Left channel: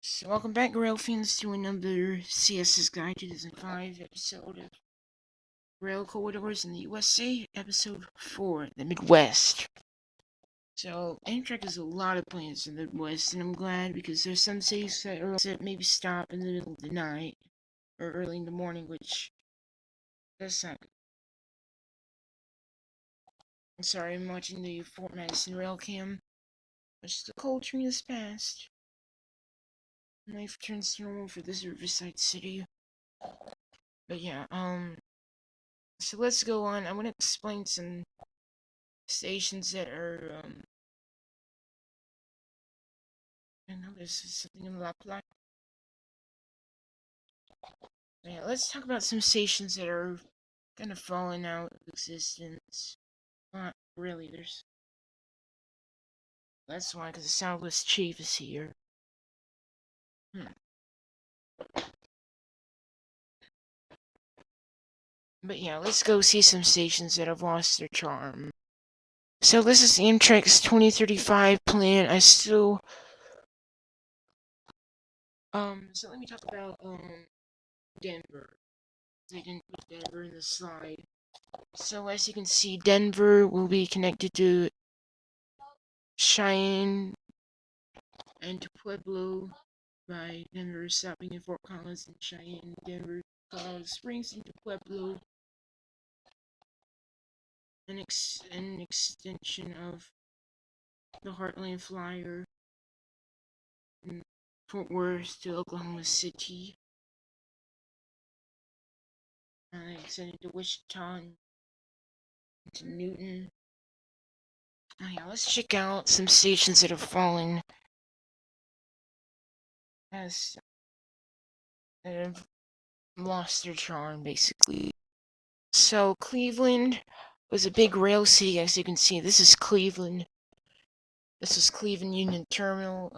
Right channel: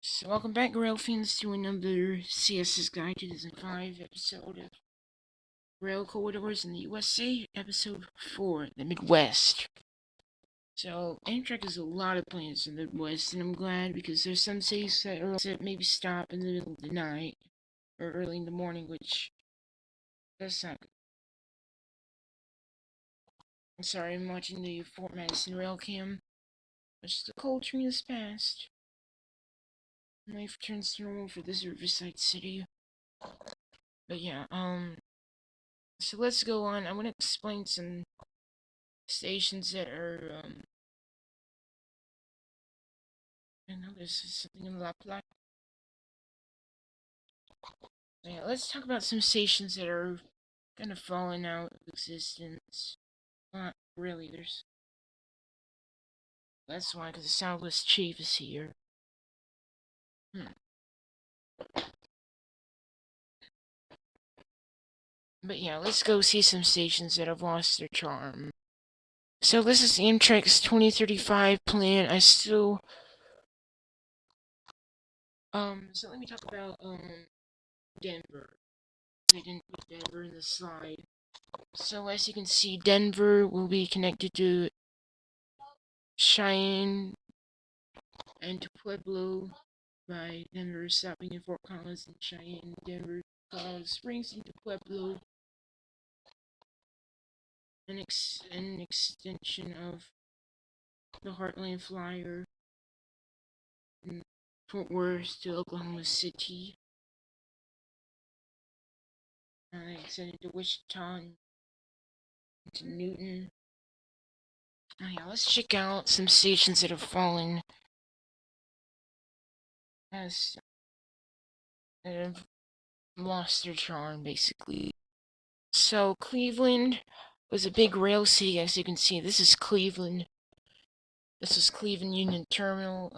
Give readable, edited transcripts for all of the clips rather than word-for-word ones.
So welcome back, Rail fans, to another CS's Guide 2005 episode of Rail Corridors in the USA, episode 4, the Midwest. So, Amtrak has a lot of plans in the Midwest, and I'm glad because there's some cities that maybe stop in the middle of the night or early in the morning, which that's not good. I'm sorry, I'm watching the Fort Madison Rail Cam, which the cold train has passed. Life returns to normal for this riverside city. But yeah, so let's go on. I'm gonna explain some stations that are, I know there's something in La Platte. Yeah, let's talk about some stations that are kind of falling out of existence. Not really, that's why, because the Southwest Chief is here. But yeah, let's go see some stations that have lost their charm. So this is Amtrak's 2035 plan. So let me talk about, Denver. I didn't put Denver in the slide. So as you can see, Denver will be connected to Cheyenne and to Pueblo by Denver, stopping in Fort Collins and Cheyenne, Denver, Colorado Springs into Pueblo, an extension of the Heartland Flyer in Fort Worth to Oklahoma City, and then extended to Wichita and to Newton. Oh yeah, let's check out some stations that have fallen as that have lost their charm, basically. So Cleveland was a big rail city, as you can see. This is Cleveland. This is Cleveland Union Terminal.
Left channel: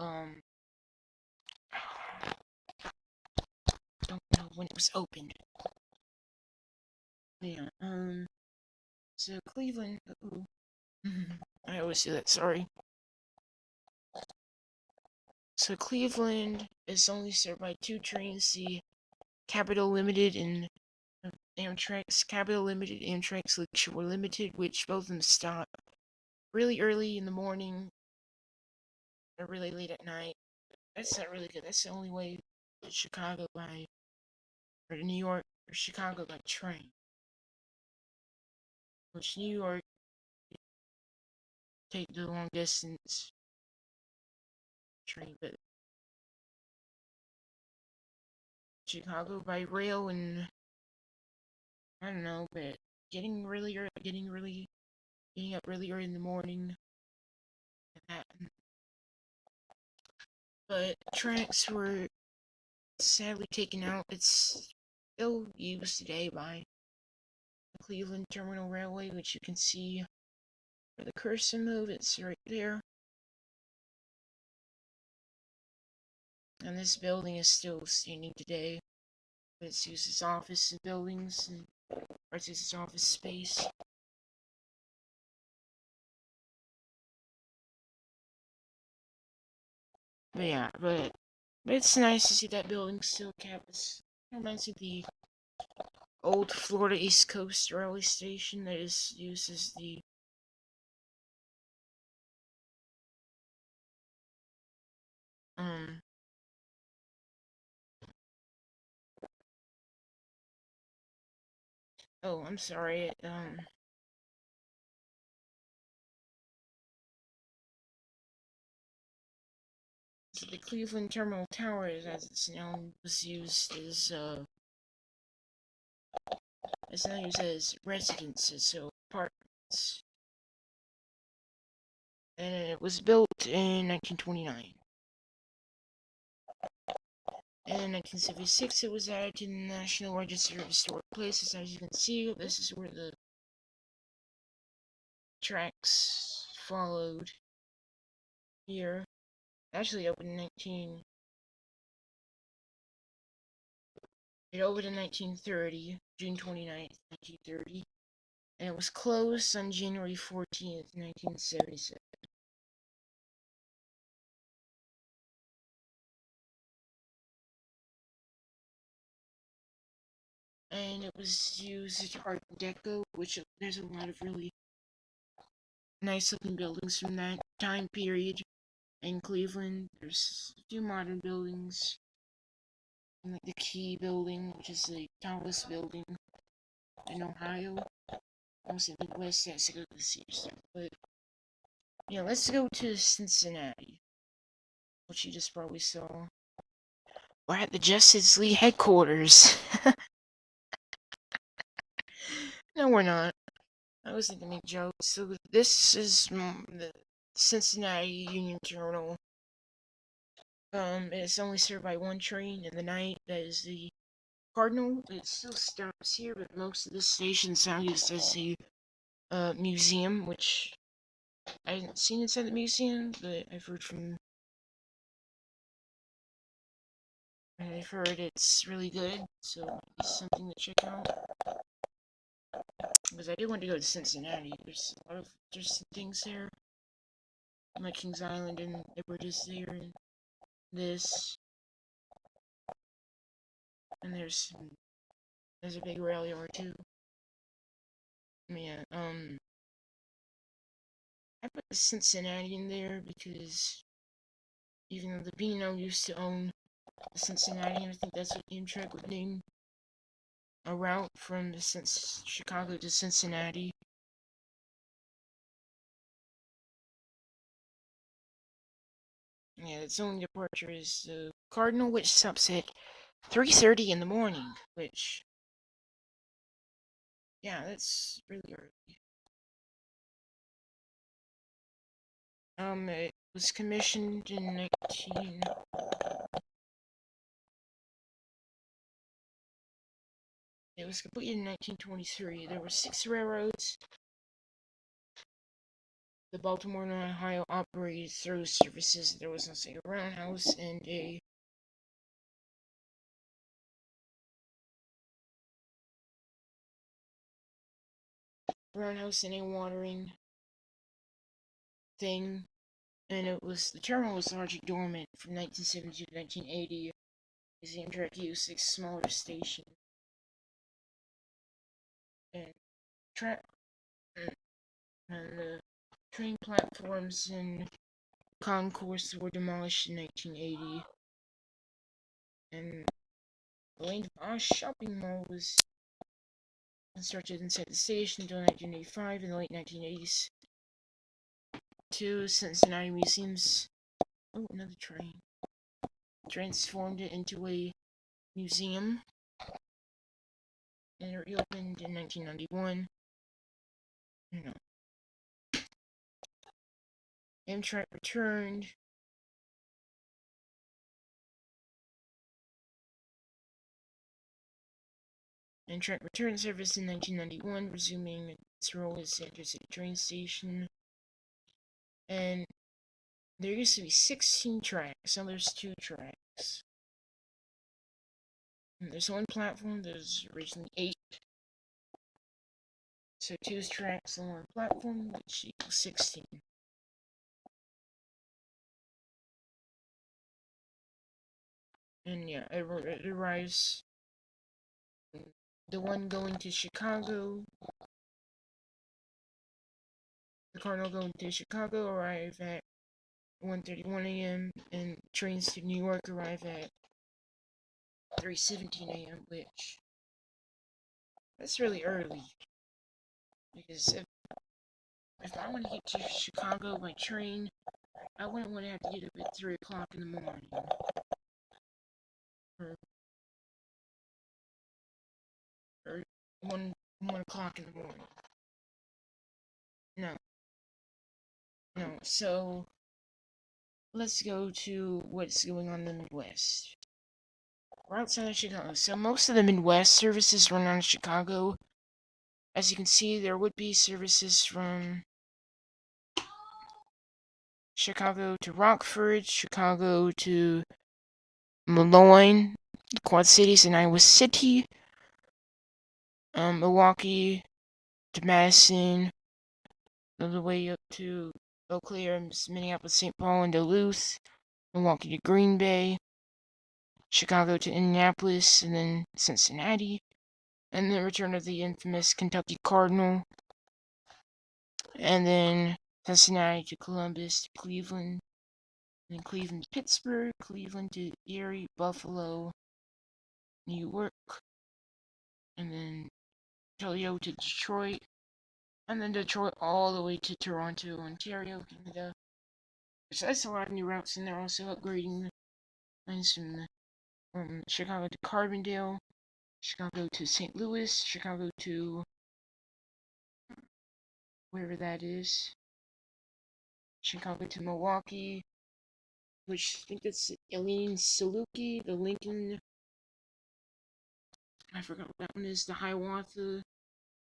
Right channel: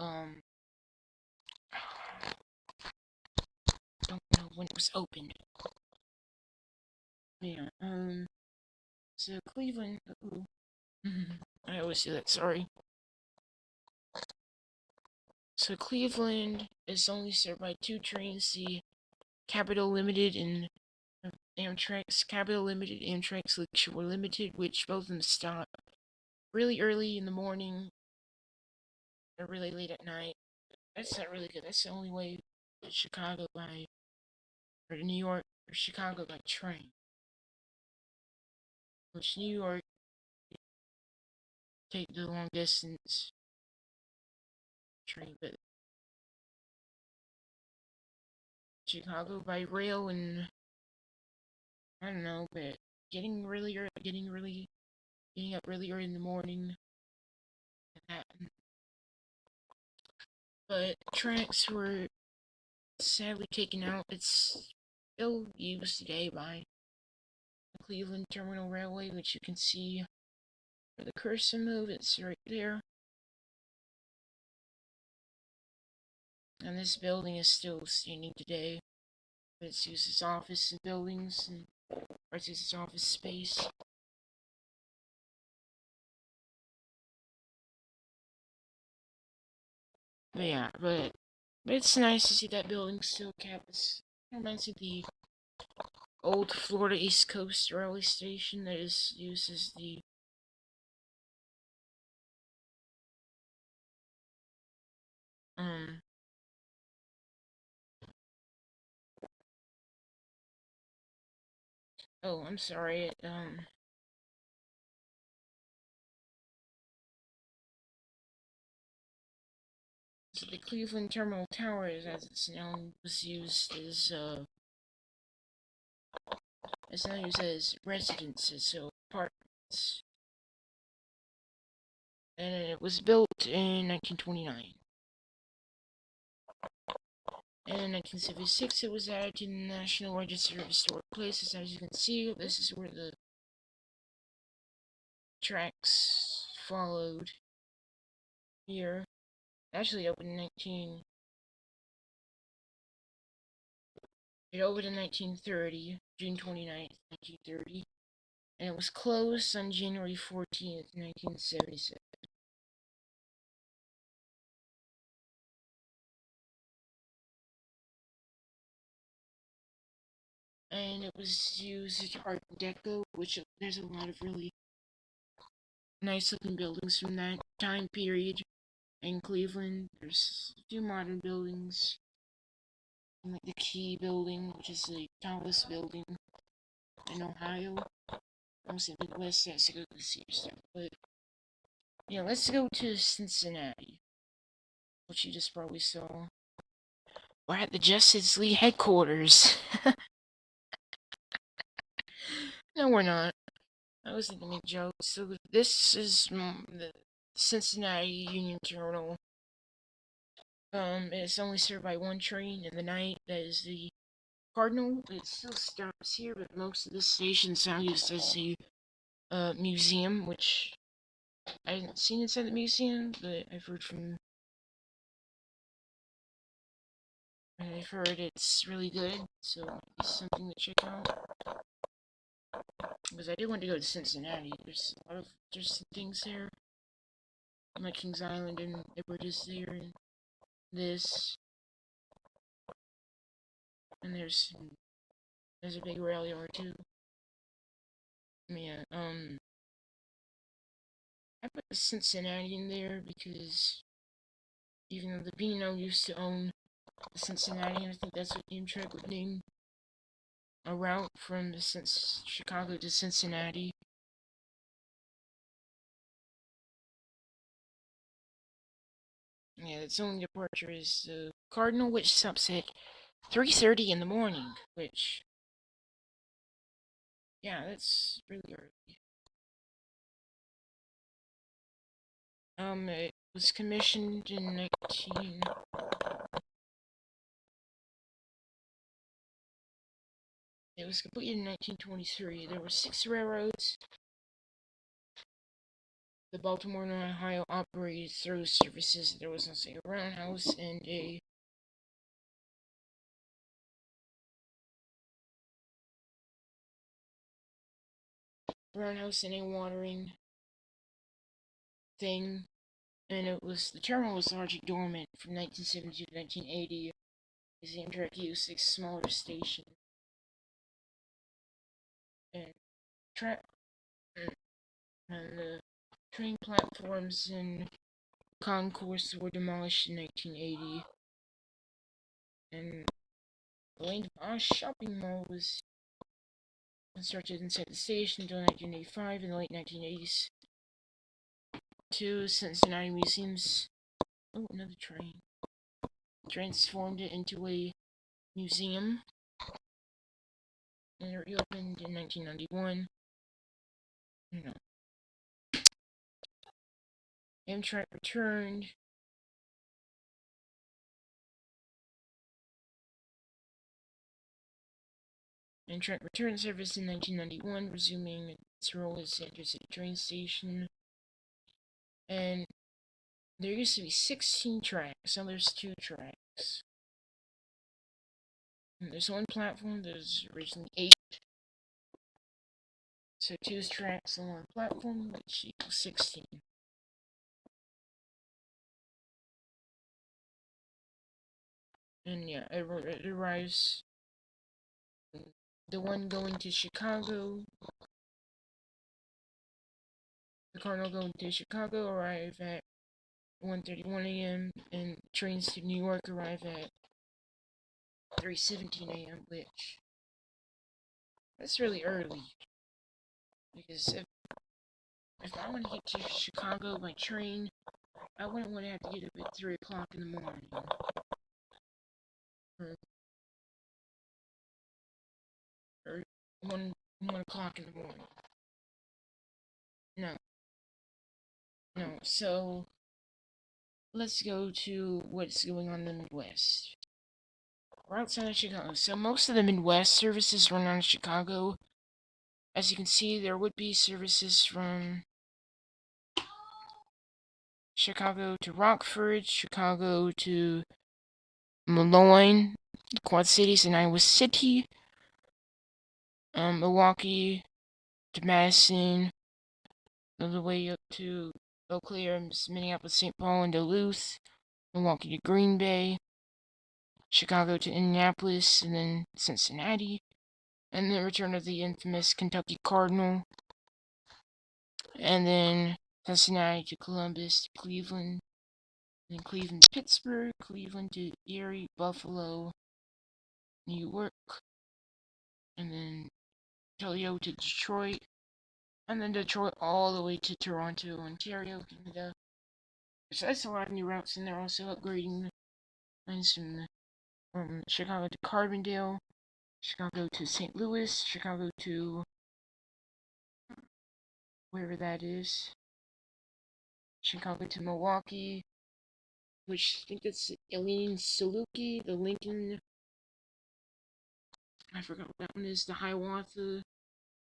Don't know when it was opened. Yeah. So Cleveland. Ooh. I always do that. Sorry. So Cleveland is only served by two trains: the Capital Limited and Amtrak's Capital Limited, Amtrak's Lakeshore Limited, which both of them stop really early in the morning or really late at night. That's not really good. That's the only way to Chicago by, or to New York or Chicago by train. Which New York take the long distance train, but Chicago by rail, and I don't know, but getting up really early in the morning. But tracks were sadly taken out. It's still used today by the Cleveland Terminal Railway, which you can see where the cursor move. It's right there. And this building is still standing today. It's used as office and buildings, or it's used as office space. But yeah, but it's nice to see that building still kept. It reminds me of the old Florida East Coast Railway Station that is used as the um oh, I'm sorry, so the Cleveland Terminal Tower, as it's known, was used as residences, so apartments. And it was built in 1929. And in 1976, it was added to the National Register of Historic Places. As you can see, this is where the tracks followed here. Actually, it opened in 1930, June 29th, 1930, and it was closed on January 14th, 1977. and it was used as Art Deco, which there's a lot of really nice looking buildings from that time period in Cleveland. There's a few modern buildings, like the Key Building, which is the tallest building in Ohio. Also in the Midwest, has to go to the see stuff. But yeah, let's go to Cincinnati, which you just probably saw. We're at the Justice League headquarters. No, we're not. I was thinking make jokes. So this is the Cincinnati Union Terminal. It's only served by one train in the night. That is the Cardinal. It still stops here, but most of the stations now used as a museum, which I haven't seen inside the museum, but I've heard it's really good, so it's something to check out. Because I do want to go to Cincinnati. There's a lot of interesting things there. Like Kings Island and Edward is there, and this, and there's a big rail yard too. Yeah, I put the Cincinnati in there because even though the Beano used to own the Cincinnati, and I think that's what Amtrak would name a route from Chicago to Cincinnati. Yeah, its only departure is the Cardinal, which stops at 3:30 in the morning, which, yeah, that's really early. It was commissioned in 19... It was completed in 1923. There were 6 railroads. The Baltimore and Ohio operated through services. There was also a roundhouse and a watering thing, and the terminal was largely dormant from 1972 to 1980 as the Amtrak used 6 smaller stations. And the train platforms and concourse were demolished in 1980, and the Lane of Oz shopping mall was constructed inside the station until 1985. In the late 1980s, 2 Cincinnati museums, another train, transformed it into a museum, and it reopened in 1991. You know, Amtrak returned. Amtrak returned service in 1991, resuming its role as the intercity train station. And there used to be 16 tracks, now there's 2 tracks. And there's one platform, there's originally 8. So 2 tracks on one platform, which equals 16. And yeah, it arrives. The one going to Chicago, the Cardinal going to Chicago arrive at 1:31 a.m. and trains to New York arrive at 3:17 a.m. Which that's really early because if I want to get to Chicago by train, I wouldn't want to have to get up at 3 o'clock in the morning or 1 o'clock in the morning. No, no. So let's go to what's going on in the Midwest. We're outside of Chicago. So most of the Midwest services run out of Chicago. As you can see, there would be services from Chicago to Rockford, Chicago to Malloy, the Quad Cities, and Iowa City, Milwaukee to Madison, all the way up to Eau Claire, Minneapolis, St. Paul, and Duluth, Milwaukee to Green Bay, Chicago to Indianapolis, and then Cincinnati, and the return of the infamous Kentucky Cardinal, and then Cincinnati to Columbus to Cleveland, then Cleveland to Pittsburgh, Cleveland to Erie, Buffalo, New York, and then Toledo to Detroit, and then Detroit all the way to Toronto, Ontario, Canada. So that's a lot of new routes, and they're also upgrading lines from Chicago to Carbondale, Chicago to St. Louis, Chicago to wherever that is, Chicago to Milwaukee, which I think that's Eileen Saluki, the Lincoln, I forgot what that one is, the Hiawatha,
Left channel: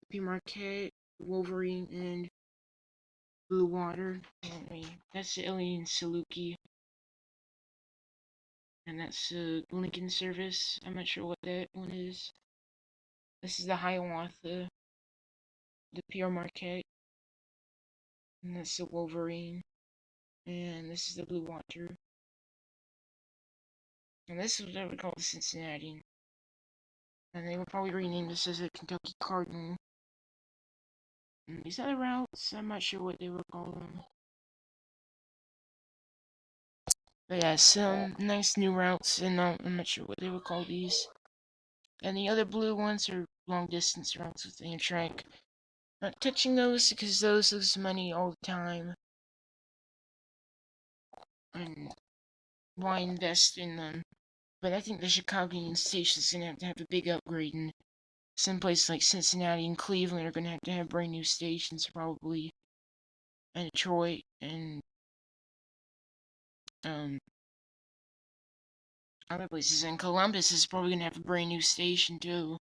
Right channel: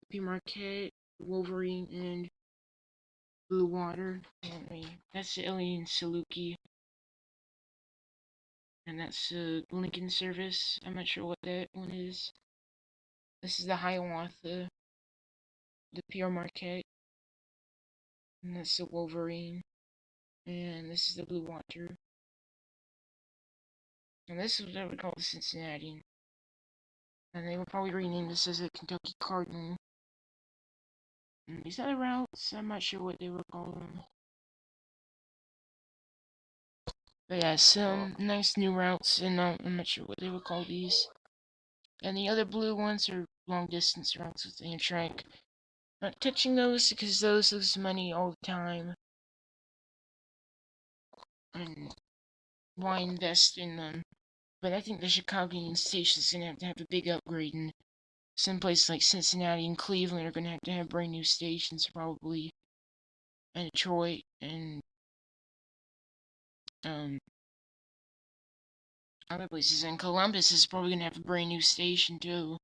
P. Marquette, Wolverine, and Blue Water. That's Eileen Saluki, and that's Lincoln service. I'm not sure what that one is. This is the Hiawatha, the Pierre Marquette, and that's the Wolverine, and this is the Blue Water, and this is what we call the Cincinnati, and they will probably rename this as the Kentucky Cardinal. And these other routes, I'm not sure what they will call them. But yeah, some nice new routes, and I'm not sure what they will call these. And the other blue ones are long distance routes with Amtrak. Not touching those because those lose money all the time. And why invest in them? But I think the Chicago Union Station is going to have a big upgrade, and some places like Cincinnati and Cleveland are going to have brand new stations probably. And Detroit and other places. And Columbus is probably going to have a brand new station too.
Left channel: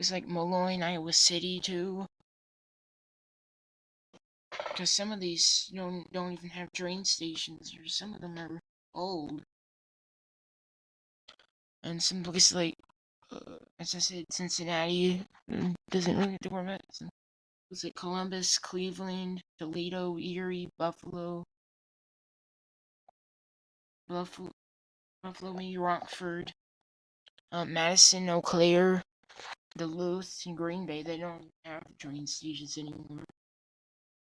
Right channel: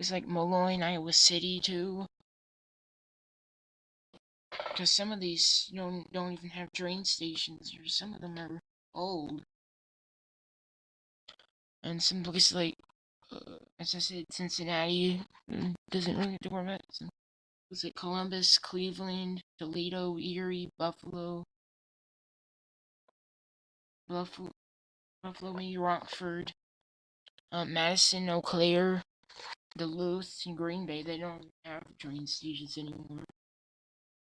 It's like Malloy, Iowa City too. Because some of these don't even have train stations, or some of them are old. And some places like, as I said, Cincinnati doesn't really have to worry about it. It's like Columbus, Cleveland, Toledo, Erie, Buffalo, maybe Rockford, Madison, Eau Claire, Duluth, and Green Bay. They don't have train stations anymore.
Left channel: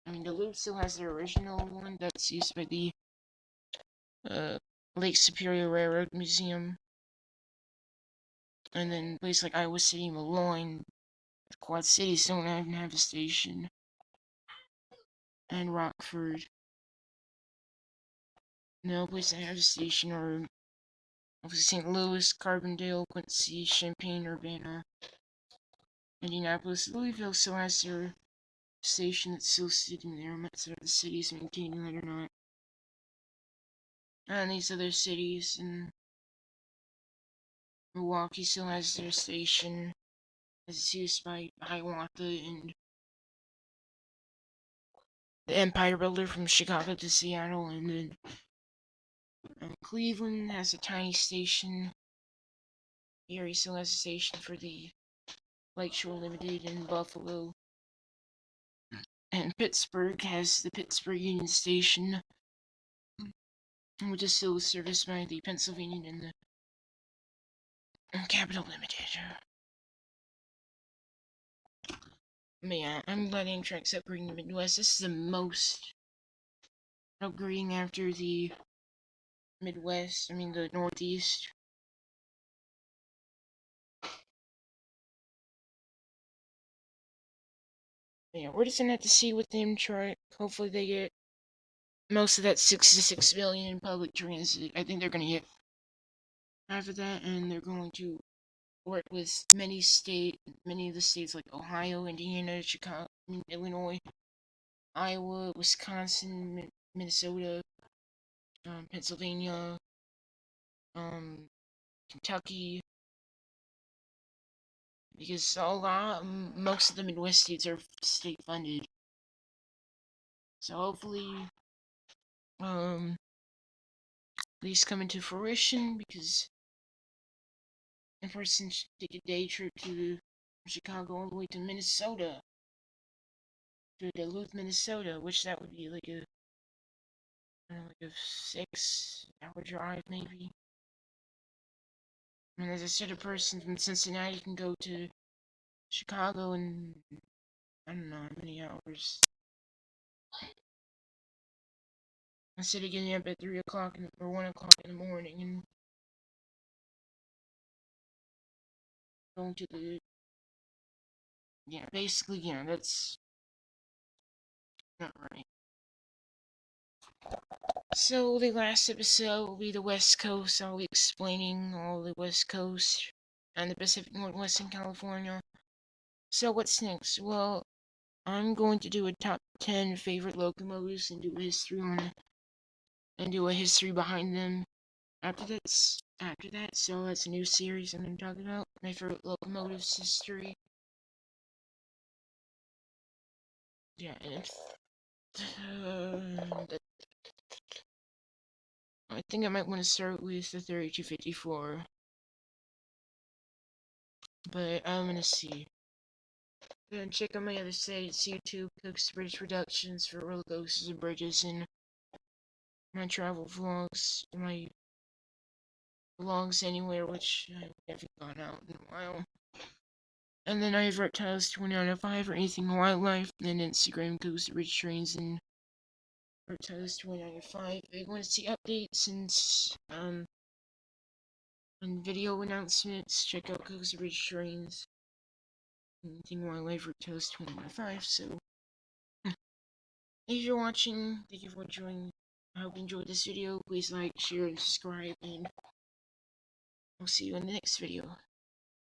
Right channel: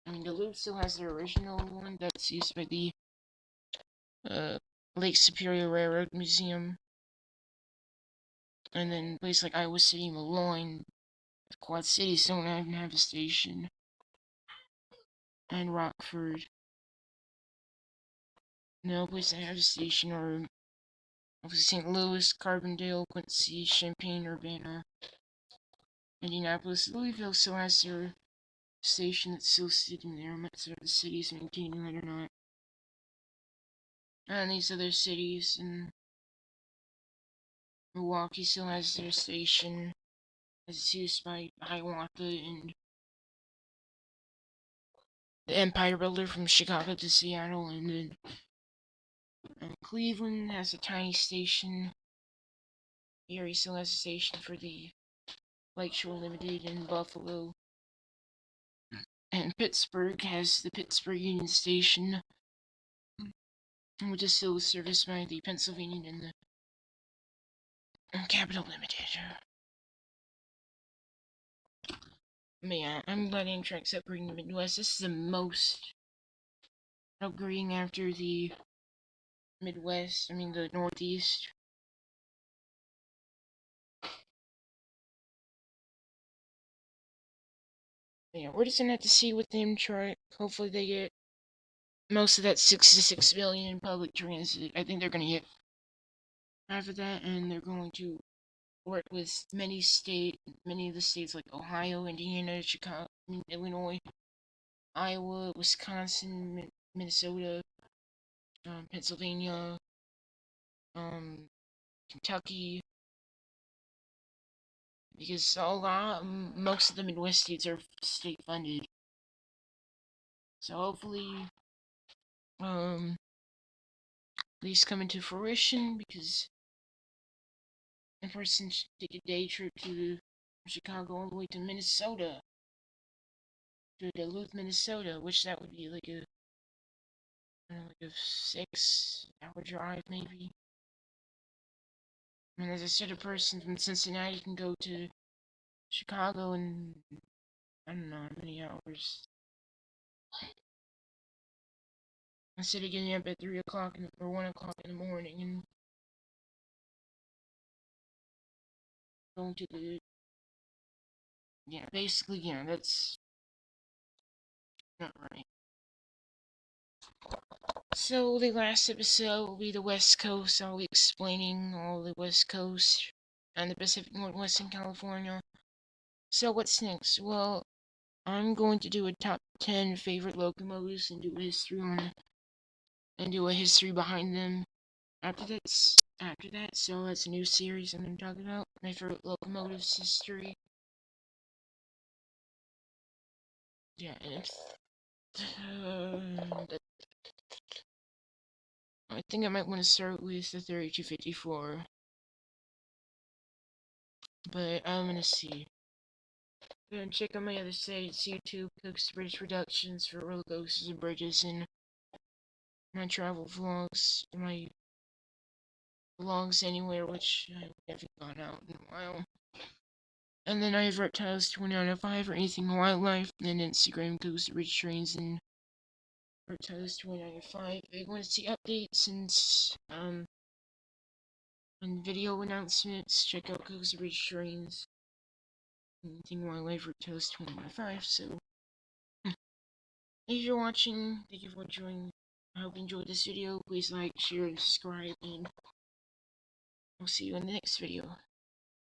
I mean, Duluth still has their original one that's used by the Lake Superior Railroad Museum. And then places like Iowa City, Malloy, Quad Cities don't even have a station. And Rockford. No place that has a station are St. Louis, Carbondale, Quincy, Champaign, Urbana, Indianapolis. Louisville still has their station that's still sitting there. I'm not sure if the city's maintaining that or not. And these other cities, and Milwaukee still has their station, as it's used by Hiawatha and the Empire Builder from Chicago to Seattle, and then Cleveland has a tiny station. Erie still has a station for the Lakeshore Limited in Buffalo. And Pittsburgh has the Pittsburgh Union Station, which is still serviced by the Pennsylvania and the Capital Limited. But yeah, I'm glad Amtrak's upgrading the Midwest. This is the most upgrading after the Midwest, the Northeast. But yeah, we're just gonna have to see with Amtrak. Hopefully they get most of that 66 billion in public transit. I think they're gonna get half of that, and they're going to work with many of the states like Ohio, Indiana, Chicago, Illinois, Iowa, Wisconsin, Minnesota, Pennsylvania, Kentucky, because most of the Midwest states are state funded. So hopefully, these come into fruition, because a person should take a day trip to Chicago all the way to Minnesota, to Duluth, Minnesota, which that would be like a 6-hour drive maybe. And as I said, a person from Cincinnati can go to Chicago in, I don't know how many hours. Instead of getting up at 3 o'clock or 1 o'clock in the morning and going to the, yeah, basically, yeah, that's not right. So the last episode will be the West Coast. I'll be explaining all the West Coast and the Pacific Northwest in California. So what's next? Well, I'm going to do a top 10 favorite locomotives and do a history on and do a history behind them. After that, so that's a new series I'm going to talk about. My favorite locomotives history. Yeah, and I think I might want to start with the 3254. But I'm gonna see. And check out my other sites, YouTube, Cooks Bridge Productions for roller coasters and bridges, and my travel vlogs, my vlogs anywhere, which I haven't gone out in a while. And then I have reptiles 20 out of 5 or anything wildlife, and then Instagram Cooks Bridge Trains and reptiles 20 out of 5. If you want to see updates and video announcements, check out Cooks Bridge Trains. Anything wildlife reptiles 20 out of 5. So if you're watching, thank you for joining. I hope you enjoyed this video. Please like, share, and subscribe, and I'll see you in the next video.